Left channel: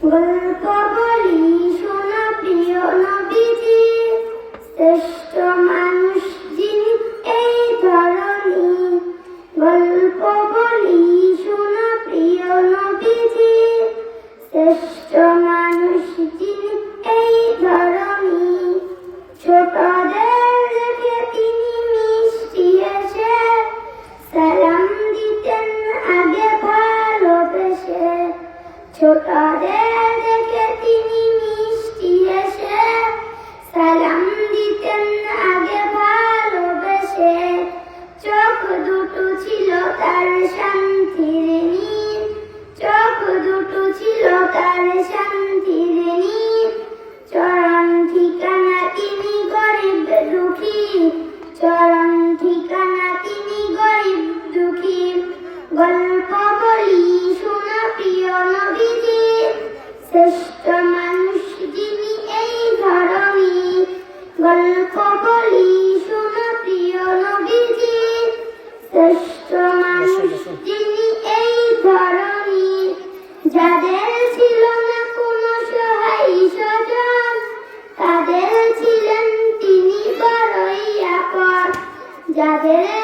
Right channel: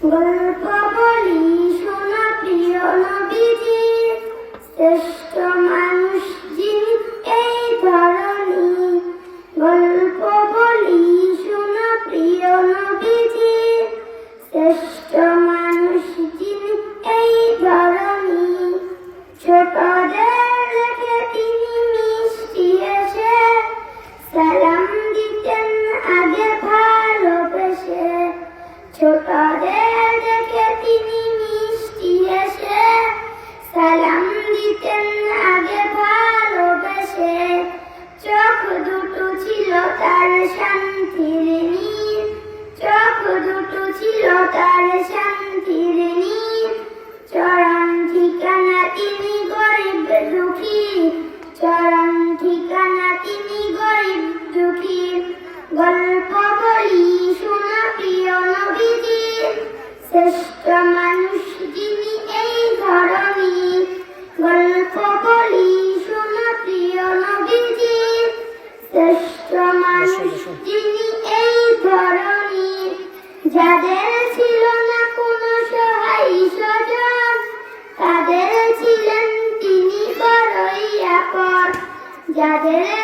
গল্প বলি শোনা প্রিয় নবীজির, শ্রেষ্ঠ মানুষ যিনি এই ধরনী। গল্প বলি শোনা প্রিয় নবীজির, শ্রেষ্ঠ মানুষ যিনি এই ধরনী। ছোটদের রেখে তিনি মিষ্টি এসে সালাম দিতেন আগে ভালোবেসে। ছোটদের রেখে তিনি মিষ্টি এসে সালাম দিতেন আগে ভালোবেসে। চোখ দুটো ছিল তার শান্তির নীর, চোখ দুটো ছিল তার শান্তির নীর। চরম ঠিকানা তিনি গরিব দুঃখী, চরম ঠিকানা তিনি গরিব দুঃখী। গল্প বলি শোনা প্রিয় নবীজির, শ্রেষ্ঠ মানুষ যিনি এই ধরনী। গল্প বলি শোনা প্রিয় নবীজির, শ্রেষ্ঠ মানুষ যিনি এই ধরনী। যাদের ছিল না কোনো সহায় স্বজন, তাদের ছিলেন তিনি বড়ই আপন। যাদের